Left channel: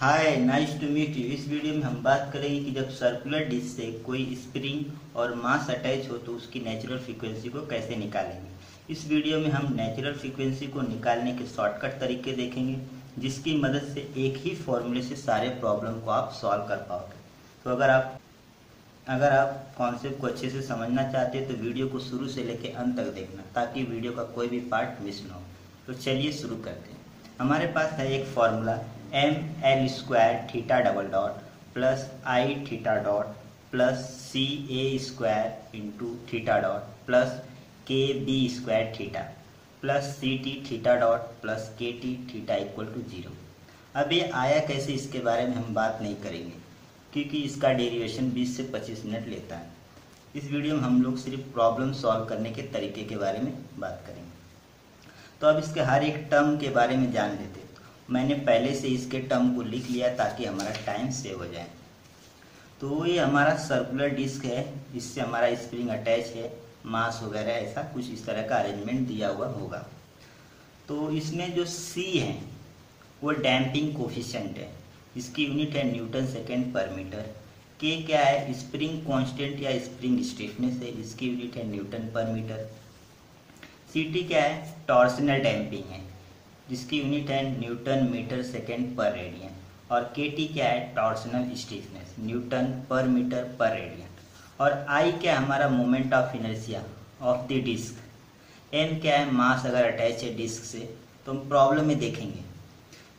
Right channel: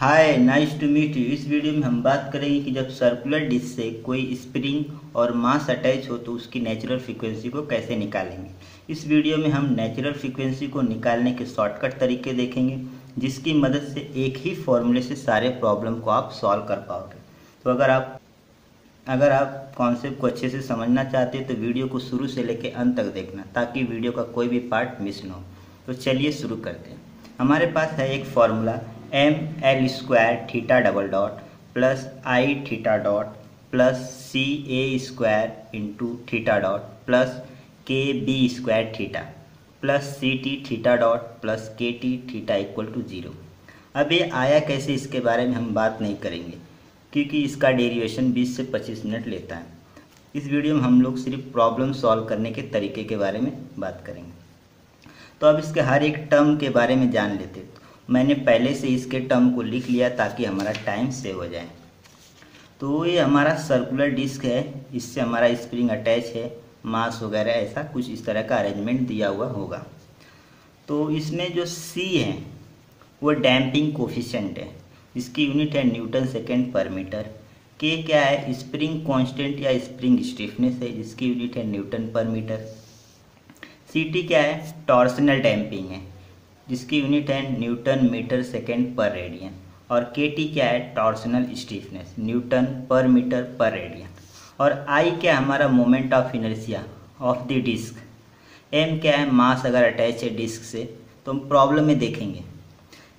Hi, nice to meet you. इस video में हम बात करेंगे कि जब सर्कुलर डिस्क से कोई स्प्रिंग और मास अटैच हो तो उसकी नेचुरल फ्रीक्वेंसी को कैसे निकालेंगे। इस वीडियो में हम नेचुरल फ्रीक्वेंसी को निकालने के शॉर्टकट तरीके देखेंगे, जिसकी मदद से एक ही फॉर्मूले से सारे प्रॉब्लम को आप सॉल्व कर पाओगे। तो अगर आप कॉन्सेप्ट को अच्छे से समझना चाहते हैं तो वीडियो को शुरू से लेकर अंत तक देखना, ताकि वीडियो का कोई भी पार्ट मिस ना हो। तो चलिए शुरू करते हैं। हमारे पास है एक formula ml² θ plus I θ plus CA² into θ plus KB² θ plus CT θ plus KT θ equal to 0। अब ये आया कैसे, इसके बारे में हम बात नहीं करेंगे, क्योंकि इसका डेरिवेशन 20 से 25 मिनट लेता है। इस वीडियो में हम लोग सिर्फ प्रॉब्लम सॉल्व करने के तरीके के बारे में बात करेंगे। तो अब इसके हर एक टर्म के बारे में जान लेते। मैंने पहले से इसके टर्म को लिख लिया ताकि हमारा टाइम सेव हो जाए। तो ये हमारा सर्कुलर डिस्क है, इससे हमारा स्प्रिंग अटैच है, मास वगैरह ऐसा कुछ इस तरह का अरेंजमेंट दिया हुआ होगा। तो इसमें जो C है वो डैम्पिंग कोफिशिएंट है, इसकी यूनिट है न्यूटन सेकेंड पर मीटर। K क्या है, स्प्रिंग कांस्टेंट या स्प्रिंग स्टिफनेस है, जिसकी यूनिट है न्यूटन पर मीटर। CT क्या है, टॉर्सनल डैम्पिंग है, जिसकी यूनिट है newton metre second per radian. और KT क्या है, torsional stiffness, newton per metre per radian. और I क्या है, हमारा moment of inertia of the disc. M क्या है, मास अगर अटैच है डिस्क से, तो हम प्रॉब्लम में देखेंगे।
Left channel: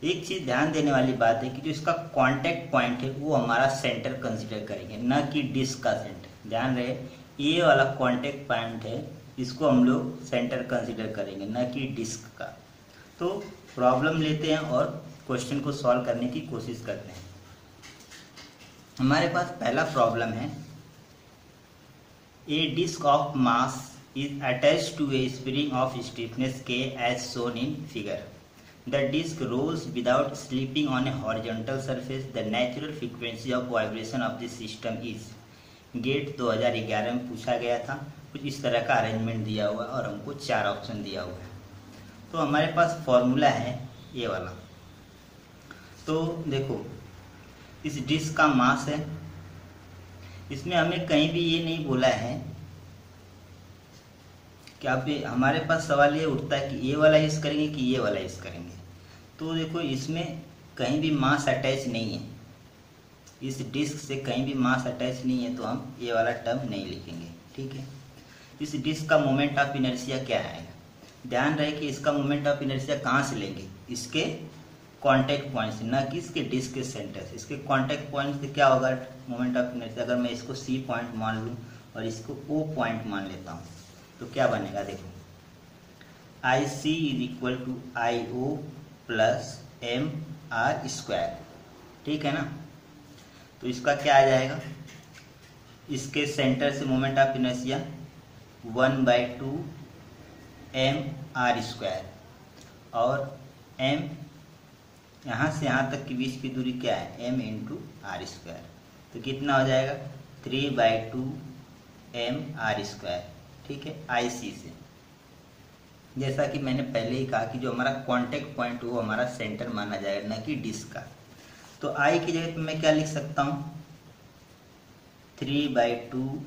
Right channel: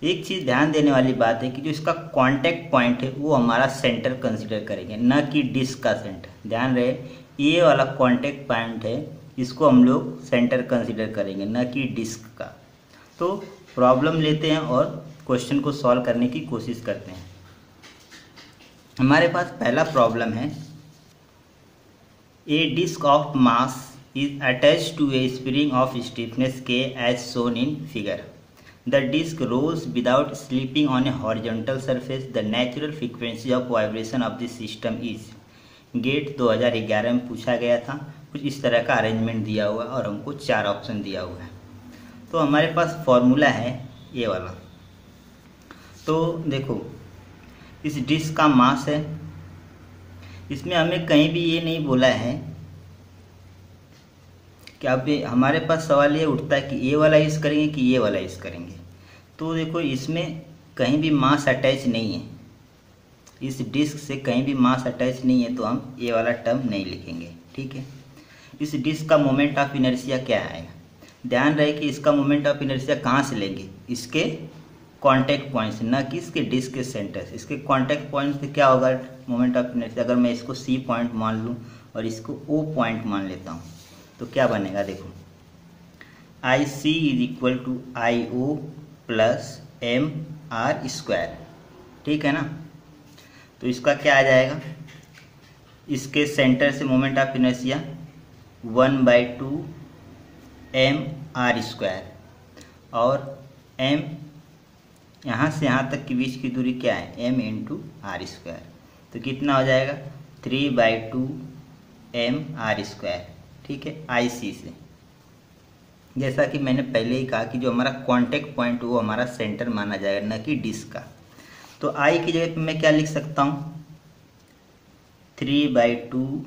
एक चीज़ ध्यान देने वाली बात है कि जो इसका कांटेक्ट पॉइंट है वो हमारा सेंटर कंसीडर करेंगे, न कि डिस्क का सेंटर। ध्यान रहे, ये वाला कांटेक्ट पॉइंट है, इसको हम लोग सेंटर कंसीडर करेंगे, न कि डिस्क का। तो प्रॉब्लम लेते हैं और क्वेश्चन को सॉल्व करने की कोशिश करते हैं। हमारे पास पहला प्रॉब्लम है, a disk of mass is attached to a spring of stiffness K as shown in figure. The disk rolls without slipping on a horizontal surface. The natural frequency of vibration of the system is. Gate 2011 में पूछा गया था। कुछ इस तरह का arrangement दिया हुआ और हमको 4 ऑप्शन दिया हुआ है। तो हमारे पास फॉर्मूला है ये वाला। तो देखो, इस डिस्क का मास है, इसमें हमें कहीं भी ये नहीं बोला है कि अब हमारे पास सवाल ये उठता है कि ये वाला यूज़ करेंगे कि ये वाला यूज़ करेंगे। तो देखो, इसमें कहीं भी मास अटैच नहीं है, इस डिस्क से कहीं भी मास अटैच नहीं है, तो हम ये वाला टर्म नहीं लिखेंगे। ठीक है। इस डिस्क का मोमेंट ऑफ इनर्शिया क्या आएगा, ध्यान रहे कि इसका मोमेंट ऑफ इनर्शिया कहाँ से लेंगे, इसके कांटेक्ट पॉइंट से, न कि इसके डिस्क के सेंटर से। इसके कांटेक्ट पॉइंट से क्या होगा मोमेंट ऑफ इनर्शिया। अगर मैं इसको C पॉइंट मान लूँ और इसको O पॉइंट मान लेता हूँ, तो क्या बनेगा, देखो, IC is equal to IO plus MR²। ठीक है ना। तो इसका क्या आ जाएगा, इसके सेंटर से मोमेंट ऑफ इनर्शिया 1/2 MR², और M यहाँ से यहाँ तक के बीच की दूरी क्या है, M इंटू R²। तो कितना हो जाएगा, 3/2 MR²। ठीक है, IC से। जैसा कि मैंने पहले ही कहा कि जो हमारा कांटेक्ट पॉइंट वो हमारा सेंटर माना जाएगा, न कि डिस्क का। तो I की जगह पे मैं क्या लिख सकता हूँ, 3/2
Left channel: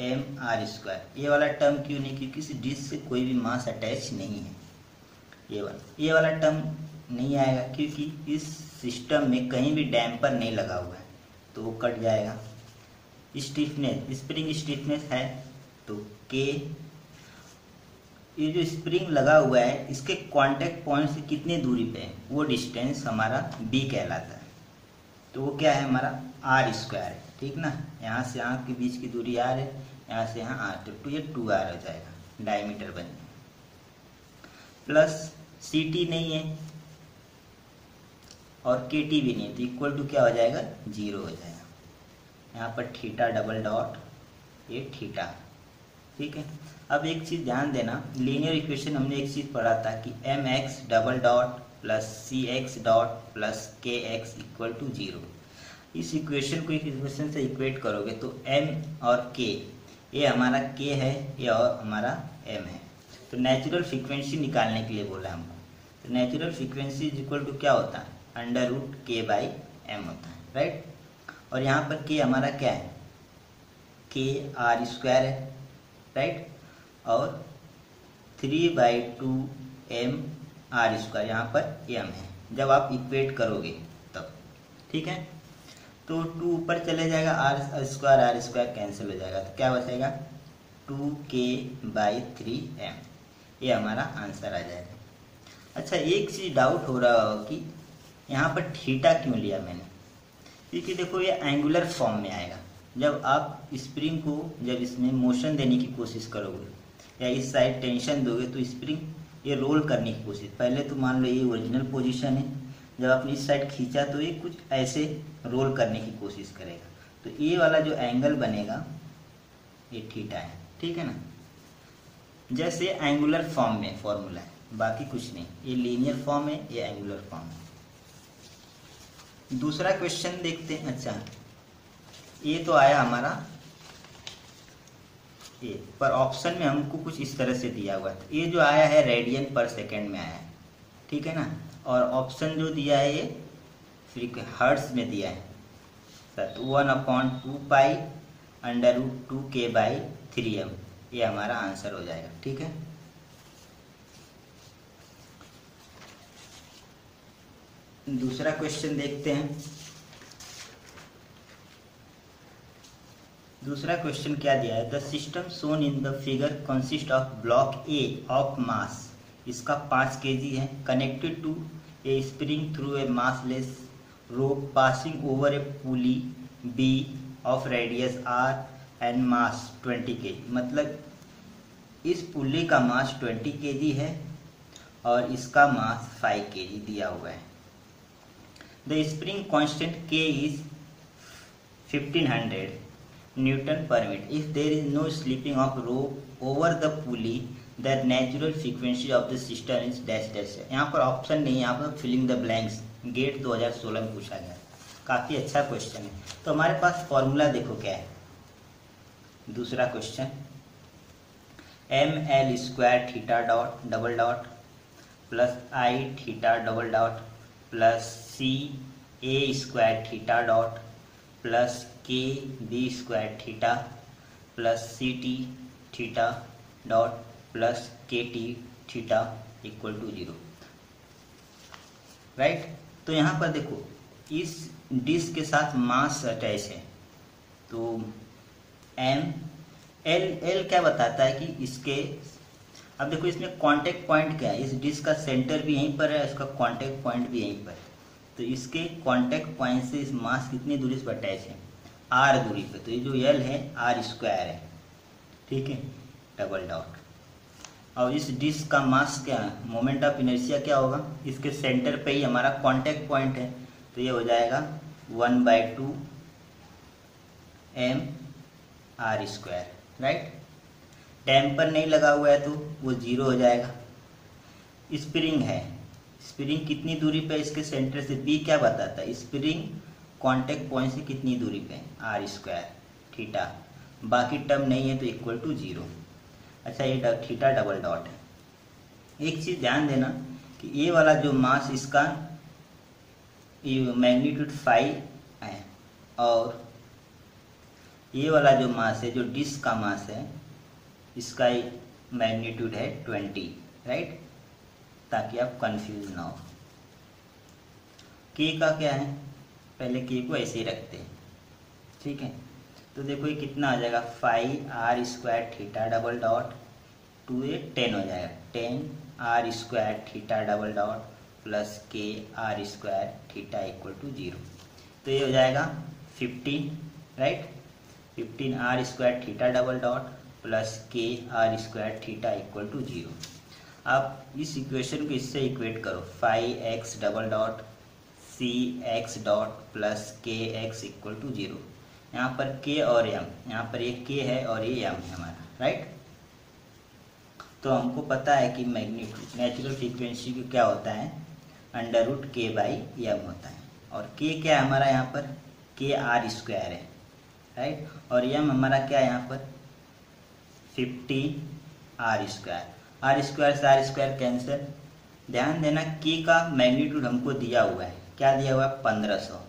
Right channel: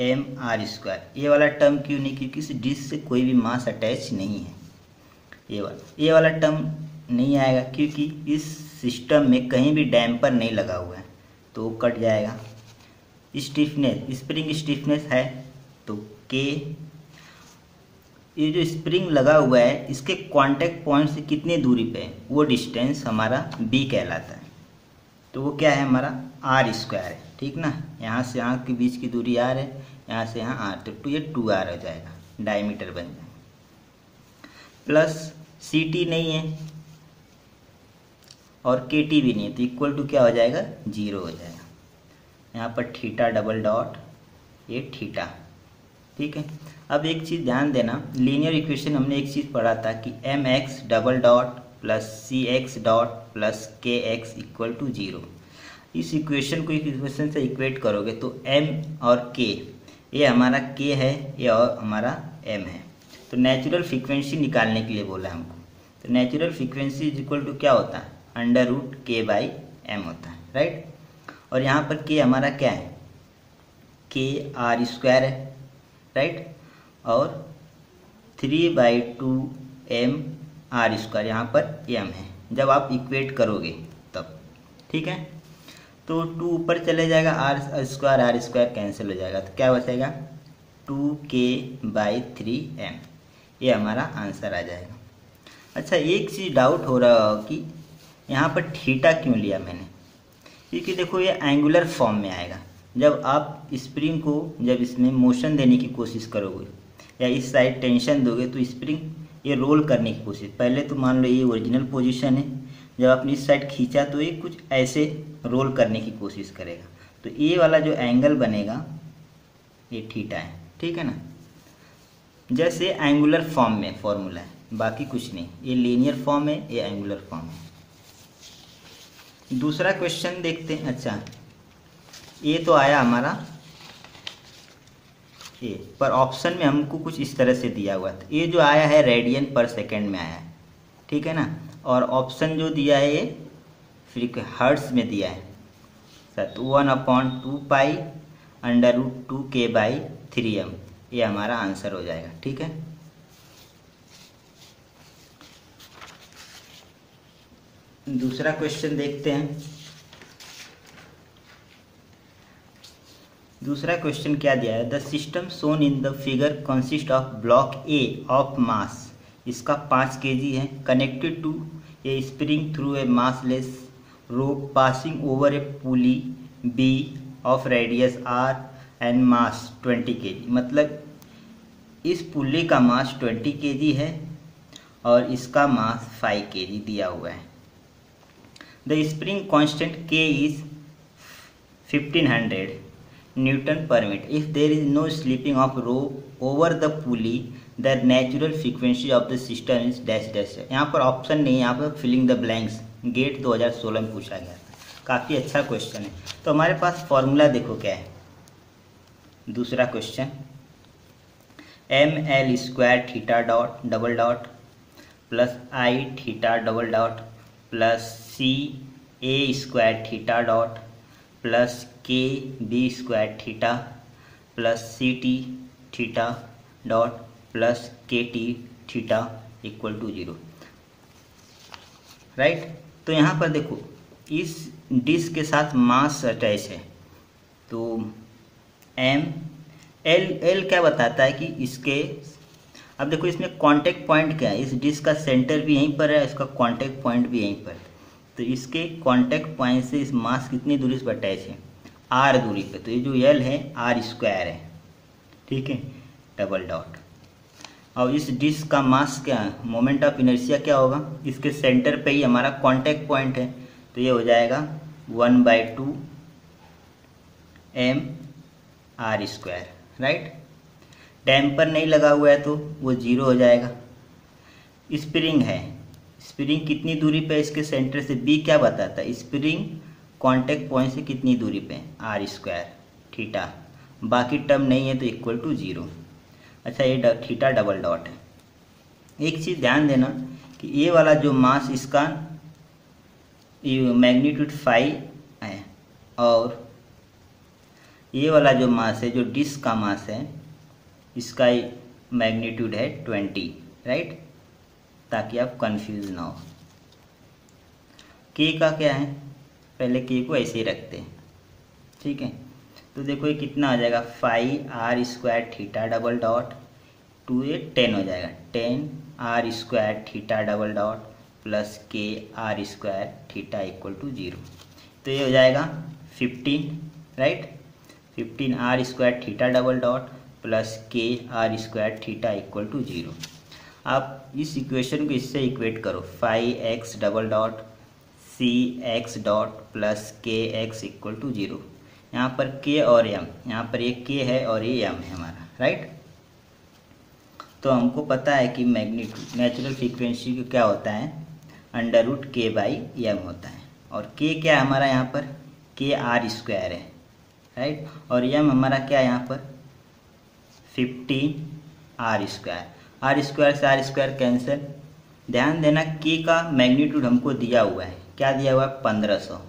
MR²। ये वाला टर्म क्यों नहीं, क्योंकि इस डिस्क से कोई भी मास अटैच नहीं है। ये वाला टर्म नहीं आएगा क्योंकि इस सिस्टम में कहीं भी डैम्पर नहीं लगा हुआ है, तो वो कट जाएगा। स्टिफनेस, स्प्रिंग स्टिफनेस है, तो K, ये जो स्प्रिंग लगा हुआ है इसके कांटेक्ट पॉइंट से कितनी दूरी पे है, वो डिस्टेंस हमारा B कहलाता है। तो वो क्या है, हमारा R² है। ठीक ना, यहाँ से यहाँ के बीच की दूरी R है, यहाँ से यहाँ R, तो ये 2R हो जाएगा, डायमीटर बन जाएगा। प्लस CT नहीं है और KT भी नहीं है, तो इक्वल टू क्या हो जाएगा, 0 हो जाएगा। यहाँ पर θ ये थीटा। ठीक है। अब एक चीज़ ध्यान देना, लीनियर इक्वेशन हमने एक चीज़ पढ़ा था कि mx plus cx plus kx equal to 0। इस इक्वेशन को इक्वेशन से इक्वेट करोगे तो m और k, ये हमारा k है, ये और हमारा m है। तो नेचुरल फ्रीक्वेंसी निकालने के लिए बोला हमको। तो natural frequency is equal to क्या होता है, √k/m। एम होता है, राइट। और यहाँ पर के हमारा क्या है, के आर स्क्वायर है, राइट। और 3/2 एम आर स्क्वायर यहाँ पर एम है, जब आप इक्वेट करोगे तब, ठीक है। तो 2 ऊपर चले जाएगा, आर स्क्वायर कैंसिल हो जाएगा, तो क्या बचेगा 2k/3m, ये हमारा आंसर आ जाएगा। अच्छा, एक चीज़ डाउट हो रहा हो कि यहाँ पर थीटा क्यों लिया मैंने, क्योंकि देखो ये एंगुलर फॉर्म में आएगा। जब आप स्प्रिंग को जब इसमें मोशन देने की कोशिश करोगे या इस साइड टेंशन दोगे तो स्प्रिंग ये रोल करने की कोशिश, पहले तो मान लो ये ओरिजिनल पोजीशन है, जब आपने इस साइड खींचा तो ये कुछ ऐसे रोल करने की कोशिश करेगा, तो ये वाला जो एंगल बनेगा ये थीटा है, ठीक है ना। जैसे एंगुलर फॉर्म में फॉर्मूला है, बाकी कुछ नहीं, ये लीनियर फॉर्म है, ये एंगुलर फॉर्म है। दूसरा क्वेश्चन देखते हैं। अच्छा, ये तो आया हमारा ये, पर ऑप्शन में हमको कुछ इस तरह से दिया हुआ था, ये जो आया है रेडियन पर सेकेंड में आया है, ठीक है ना। और ऑप्शन जो दिया है ये फिर हर्ट्ज में दिया है, तो 1/2π√2k/3m, ये हमारा आंसर हो जाएगा, ठीक है। दूसरा क्वेश्चन देखते हैं। दूसरा क्वेश्चन क्या दिया है, the system shown in the figure consist of block A of mass, इसका 5 kg है, connected to a spring through a massless rope passing over a pulley B of radius r and mass 20 kg। मतलब इस पुली का मास 20 kg है और इसका मास 5 kg दिया हुआ है। The spring constant K is 1500 Newton per meter. If there is no slipping of rope over the pulley, the natural frequency of the system is dash dash। यहाँ पर ऑप्शन नहीं है, यहाँ पर फिलिंग द ब्लैंक्स, गेट 2016 में पूछा गया था, काफ़ी अच्छा क्वेश्चन है। तो हमारे पास फॉर्मूला देखो क्या है। दूसरा question, ml² plus I plus CA² plus KB² plus CT plus KT equal to 0, right. तो यहाँ पर देखो इस डिस्क के साथ मास अटैच है, तो एल क्या बताता है कि इसके, अब देखो इसमें कांटेक्ट पॉइंट क्या है, इस डिस्क का सेंटर भी यहीं पर है, इसका कांटेक्ट पॉइंट भी यहीं पर है, तो इसके कांटेक्ट पॉइंट से इस मास कितनी दूरी पर अटैच है, r दूरी पे, तो ये जो L है r² है, ठीक है, डबल डॉट। और इस डिस्क का मास क्या, मोमेंट ऑफ इनर्शिया क्या होगा, इसके सेंटर पे ही हमारा कांटेक्ट पॉइंट है, तो ये हो जाएगा 1/2 m r², राइट। डैम्पर नहीं लगा हुआ है तो वो 0 हो जाएगा। स्प्रिंग है, स्प्रिंग कितनी दूरी पे इसके सेंटर से, बी क्या बताता है, स्प्रिंग कांटेक्ट पॉइंट से कितनी दूरी पे, r², बाकी टर्म नहीं है तो इक्वल टू 0। अच्छा, ये थीटा डबल डॉट है। एक चीज़ ध्यान देना कि ये वाला जो मास इसका ये मैग्नीट्यूड 5 है, और ये वाला जो मास है, जो डिस्क का मास है, इसका मैग्नीट्यूड है 20, राइट, ताकि आप कंफ्यूज ना हो। के का क्या है, पहले के को ऐसे ही रखते हैं, ठीक है। तो देखो ये कितना आ जाएगा, 5r² डबल डॉट 2 ये 10 हो जाएगा, 10r² double dot plus KR² equal to 0। तो ये हो जाएगा 15, right, 15r² double dot plus KR² equal to 0। आप इस इक्वेशन को इससे इक्वेट करो, 5x double dot CX dot plus KX equal to 0। यहाँ पर K और M, यहाँ पर एक K है और ये M है हमारा, राइट। तो हमको पता है कि मैग्नीट्यूड नेचुरल फ्रीक्वेंसी का क्या होता है, √k/m होता है, और K क्या है हमारा यहाँ पर, KR² है, राइट, और M हमारा क्या है यहाँ पर 15r², r² से r² कैंसिल। ध्यान देना K का मैग्नीट्यूड हमको दिया हुआ है, क्या दिया हुआ है 1500,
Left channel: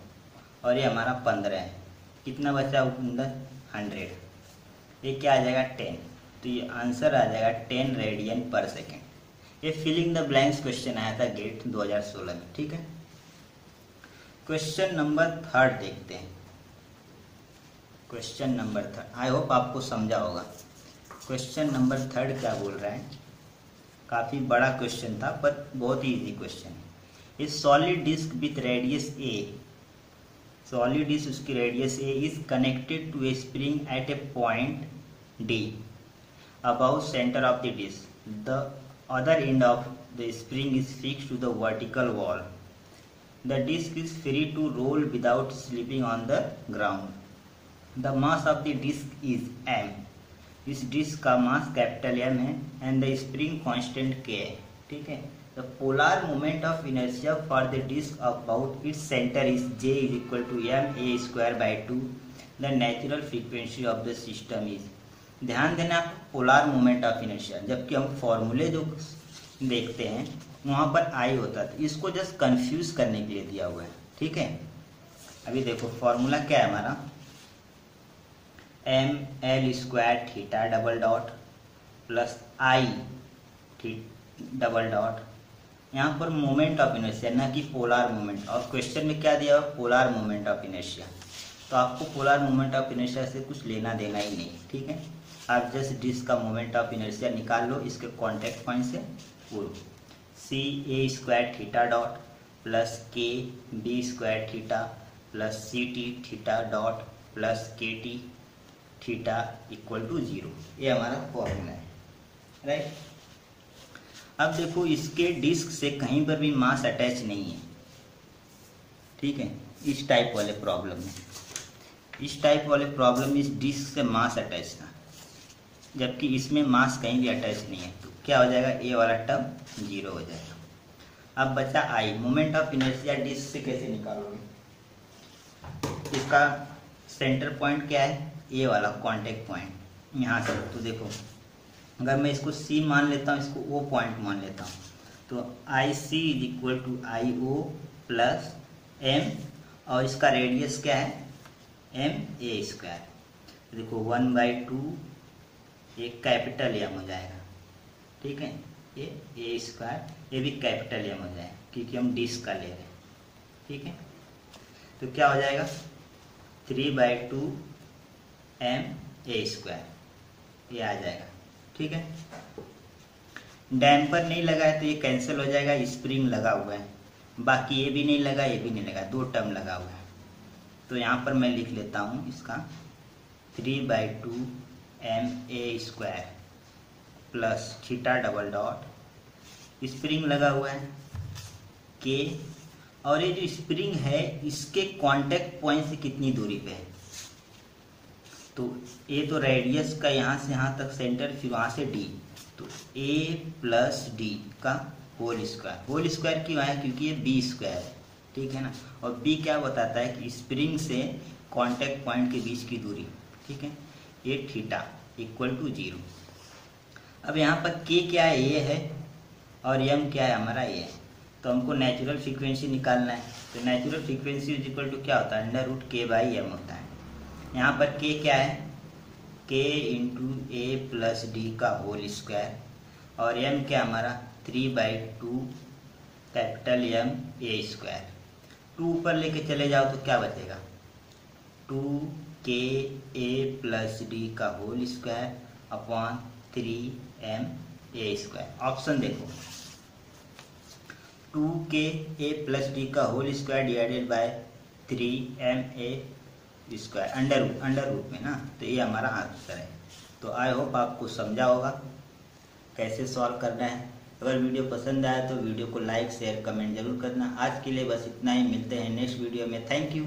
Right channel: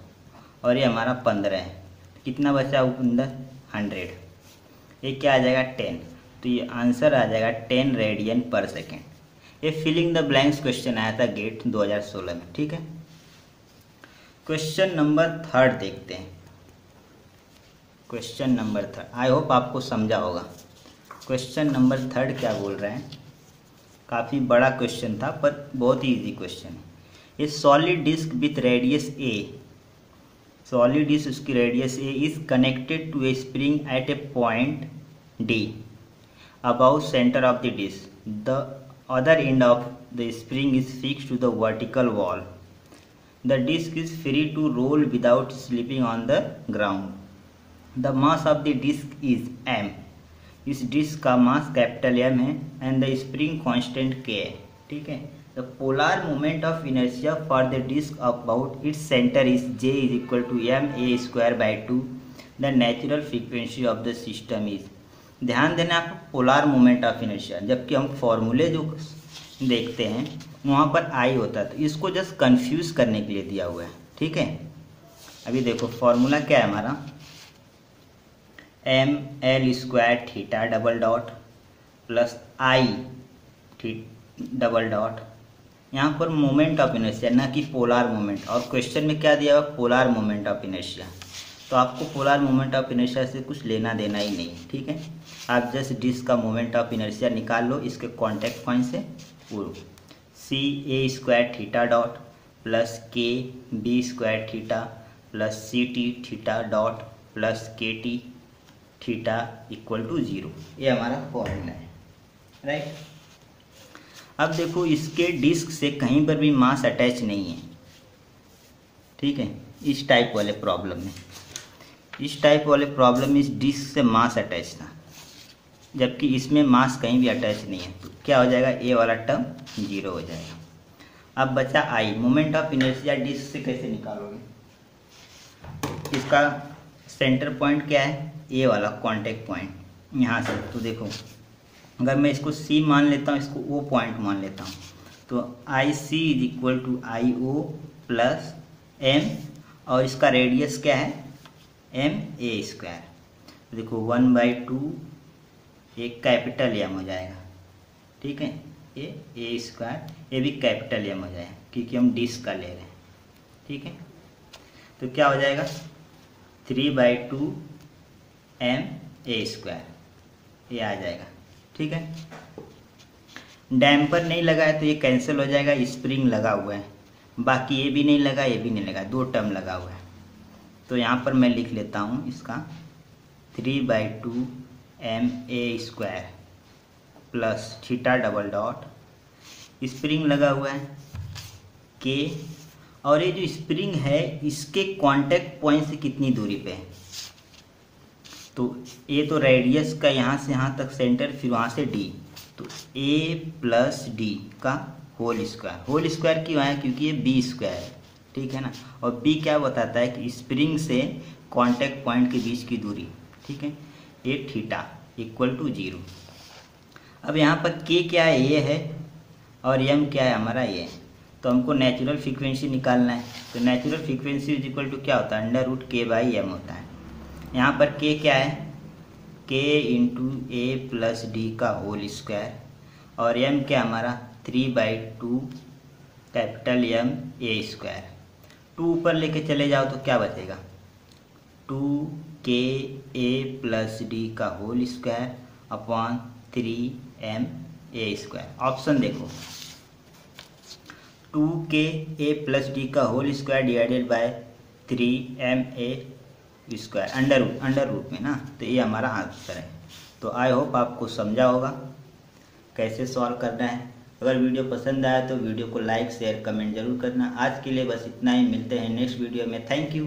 और ये हमारा 15 है, कितना बचा अंदर 100, ये क्या आ जाएगा 10, तो ये आंसर आ जाएगा 10 रेडियन पर सेकेंड। ये फिलिंग द ब्लैंक्स क्वेश्चन आया था गेट 2016 में। ठीक है, क्वेश्चन नंबर 3 देखते हैं। क्वेश्चन नंबर 3 आई होप आपको समझा होगा। क्वेश्चन नंबर 3 क्या बोल रहे हैं, काफ़ी बड़ा क्वेश्चन था पर बहुत ही इजी क्वेश्चन है। A solid disk with radius a, solid disk उसकी radius a is connected to a spring at a point D above centre of the disk, the other end of the spring is fixed to the vertical wall, the disk is free to roll without slipping on the ground, the mass of the disk is m, इस disk का mass capital M है and the spring constant K है। ठीक है, the polar moment of inertia for the disc about its centre is J is equal to ma²/2, the natural frequency of the system is. ध्यान देना आपको polar moment of inertia, जबकि हम फॉर्मूले जो देखते हैं वहाँ पर I होता है, तो इसको जस्ट कंफ्यूज करने के लिए दिया हुआ है। ठीक है, अभी देखो फॉर्मूला क्या है हमारा, ml² theta double dot plus I double dot, यहाँ पर मोमेंट ऑफ इनर्शिया ना कि पोलर मोमेंट, और क्वेश्चन में क्या दिया हुआ पोलर मोमेंट ऑफ इनर्शिया, तो आपको पोलर मोमेंट ऑफ इनर्शिया से कुछ लेना देना ही नहीं। ठीक है, आप जस्ट डिस्क का मोमेंट ऑफ इनर्शिया निकाल लो इसके कॉन्टेक्ट पॉइंट से, वो ca² theta dot plus kb² theta plus ct theta dot plus kt theta equal to 0, ये हमारा फॉर्मूला है। राइट, अब देखो इसके डिस्क से कहीं पर भी मास अटैच नहीं है। ठीक है, इस टाइप वाले प्रॉब्लम में, इस टाइप वाले प्रॉब्लम में इस डिस्क से मास अटैच था, जबकि इसमें मास कहीं भी अटैच नहीं है, तो क्या हो जाएगा, ए वाला टर्म 0 हो जाएगा। अब बचा आई, मोमेंट ऑफ इनर्शिया डिस्क से कैसे निकालोगे, इसका सेंटर पॉइंट क्या है, ए वाला कॉन्टेक्ट पॉइंट यहाँ से, तो देखो अगर मैं इसको C मान लेता हूँ, इसको O पॉइंट मान लेता हूँ, तो IC is equal to IO plus M, और इसका रेडियस क्या है ma², देखो 1/2 एक कैपिटल M हो जाएगा। ठीक है, ये a², ये भी कैपिटल M हो जाएगा क्योंकि हम डिस्क का ले रहे हैं। ठीक है, तो क्या हो जाएगा 3/2 ma², ये आ जाएगा। ठीक है, डैम्पर नहीं लगा है तो ये कैंसिल हो जाएगा, स्प्रिंग लगा हुआ है, बाकी ये भी नहीं लगा ये भी नहीं लगा, 2 टर्म लगा हुआ है, तो यहाँ पर मैं लिख लेता हूँ इसका 3/2 ma² plus theta double dot, spring लगा हुआ है K, और ये जो स्प्रिंग है इसके कांटेक्ट पॉइंट से कितनी दूरी पे है, तो ये तो रेडियस का यहाँ से यहाँ तक सेंटर, फिर वहाँ से D, तो A प्लस D का होल स्क्वायर क्यों आया, क्योंकि ये B² है। ठीक है ना, और B क्या बताता है कि स्प्रिंग से कांटेक्ट पॉइंट के बीच की दूरी। ठीक है, ये थीटा इक्वल टू 0। अब यहाँ पर K क्या है, ये है, और M क्या है हमारा, ये, तो हमको नेचुरल फ्रीक्वेंसी निकालना है, तो natural frequency is equal to क्या होता है, √k/m होता है। यहाँ पर K क्या है, K into A plus D का होल स्क्वायर, और M क्या हमारा 3/2 कैपिटल M a², 2 ऊपर लेके चले जाओ तो क्या बचेगा, 2k A प्लस D का whole square upon 3m a²। Option देखो, 2k A प्लस D का whole square divided by 3m a² under root में ना, तो ये हमारा आंसर है। तो आई होप आपको समझा होगा कैसे सॉल्व करना है। अगर वीडियो पसंद आया तो वीडियो को लाइक शेयर कमेंट जरूर करना। आज के लिए बस इतना ही, मिलते हैं नेक्स्ट वीडियो में। Thank you.